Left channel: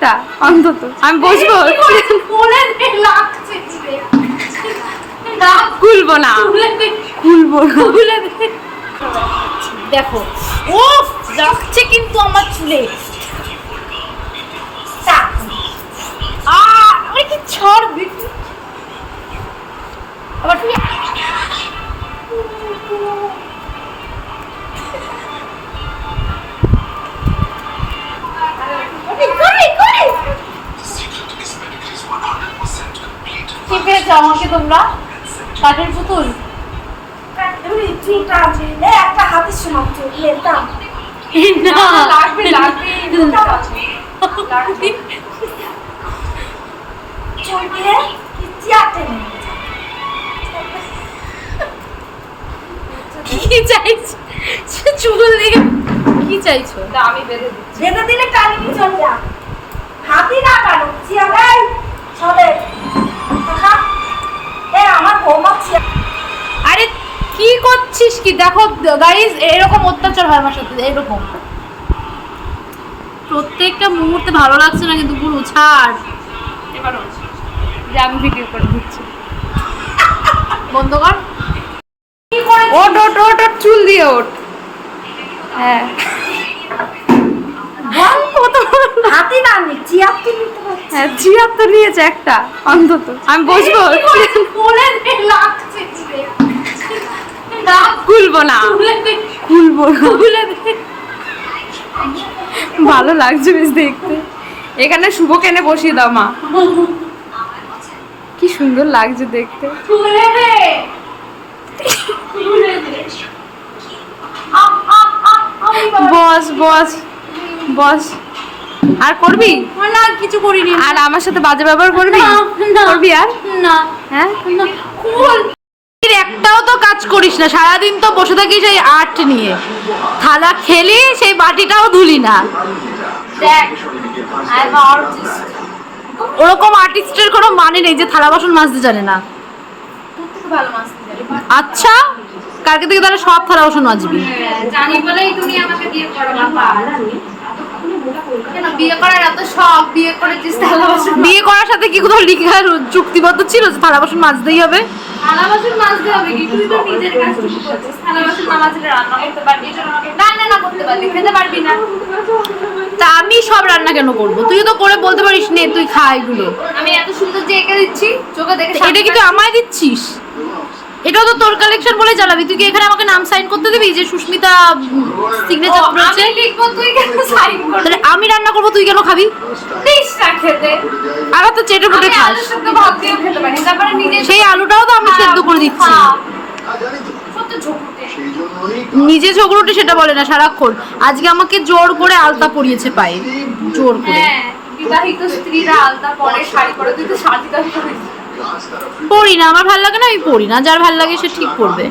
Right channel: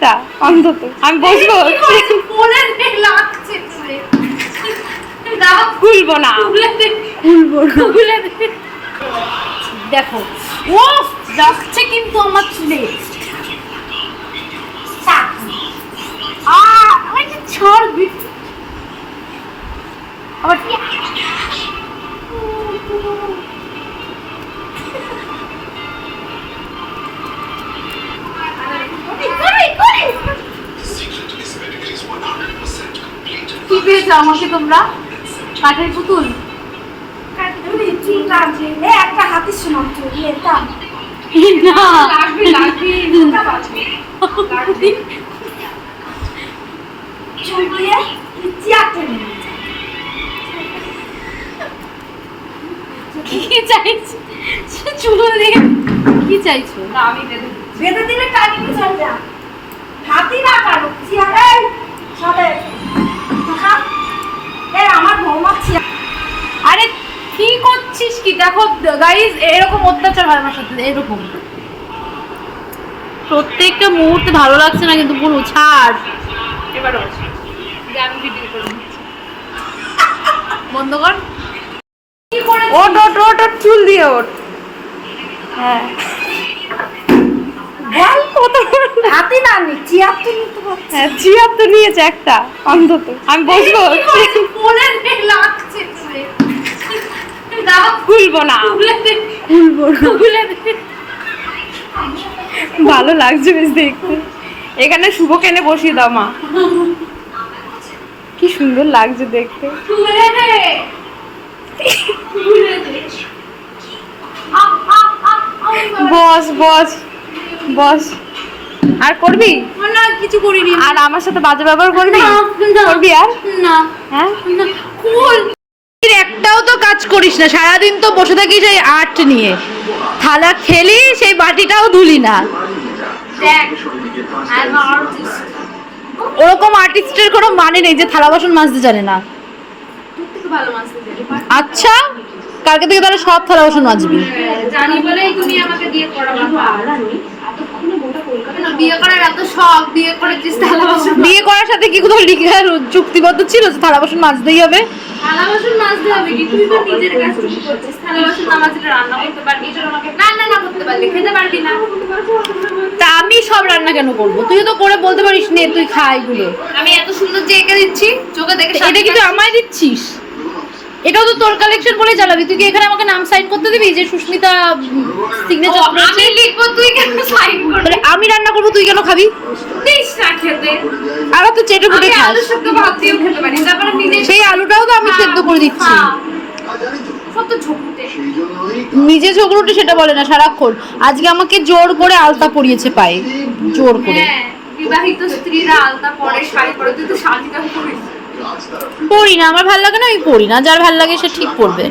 একটা অন্তত। আমি বসবো। খুলবো না। খুলবো খুলে দেখো ও লাগছে কিন্তু আমার চুলে। আ আমার কি ছাড় বিট আবার কি পেয়েছ আমাকে তোমরা? কাঠের পুতুল? একটা কি চাইছো? চুল দিয়ে কি চাইছো? আমি বেঁধে দিচ্ছি। বেঁধে দিলে টানিয়ে চলে যা হাতি না কারও। চেয়ার এই সবে এ আমার বৌমা চেয়ার আরে কি করছিস কি? দেখো গাইজ এরকম অত্যাচার হয় আমার সাথে এরকম। প্রত্যেকটা মুহূর্তে ভালো লাগছে না কিন্তু পুরো ছাড়। আমি ভিডিও করে দিচ্ছি। বন্ধ কর। ওট ওট ওট ওট চুল দিয়ে ওঠ। হ্যাঁ। না। হাতি না নি চেয়ার তো নিতে হ্যাঁ নিয়েছে একটা অন্তত। আমি বসবো বলে নে লাগছে চুলে। না খুলবো না। খুলবো না। ভালো লাগছে বেশ দেখতে। এখানে শুভ কেনে বসিয়ে দাও মা। কি সুন্দর লাগছে দেখতে। বস বস বস। আর করবি? না কিছু করিনি। আর আমার সাথে বাজে ব্যবহার করবি। করবি আর? না। হ্যাঁ? একটাও তো কাজ করিস না। সারাদিন তো বসে থাকিস এই আর্ট নিয়ে। থালা খেলি সেই বাটিটাও ধুলি না। ওরকম আর্টিস্টের কোনো মানে নেই যে থালা বাসন মাজতে জানে না। আচ্ছা কালকে থেকে তাহলে সব থালা বাসন মাজবি। জানি বলেই তুমি আমাকে বাসন বিয়ে করার সাথে কি কোথাও লিখা চুক্তিবদ্ধ ছিল যে থালা বাসন মাজতেই হবে? থালা বাসন মাজতে হবে কি? তুই তো নিজের কাজটুকু করছিস। থালা বাসন না মাজলে রান্না করতে পারবি রান্না না করতে পারবি খেতে পারবি না। তা আমি সব রান্না কেন করব? তুই তো করে বলতে পারিস নে তুই খা এগুলো। আমি এত সুন্দর যে এঁকে দিচ্ছি চোখে দেখে এটা কি তুই আমায় দিচ্ছিস? এটাও তো তোর কালেকশন বলেই চালাবি। তুই কি এখানে আমাকে নাম সাইন করতে দিবি যে সুস্মিতা সিগনেচার আমি লিখব তুই কেন সাইন করবি? তাহলে আমি রান্না করব তুই কেন খাবি? দিস না খেতে। আর তো চেটে পুটে খাস। আলু সেদ্ধ ভাত দিয়েও খেতে পারি তারপরে নিজে সেই আলুটাও তো আমি সেদ্ধ করে দিচ্ছি। নিজে ঝগড়ুটি সেটা বলে না সারাক্ষণ। আজকে আমাকে জোর করে আলতা পরিয়েছে পায়ে। জোর করে। পড়ি বিবাহিত স্ত্রীরা আলতা পরে শাড়ি পরে তুই তো শাড়িটা পরিস পড়ি না আমার ভালো লাগে না আমি পড়ি না। যার ভালো লাগে সে ঠিক পরবে।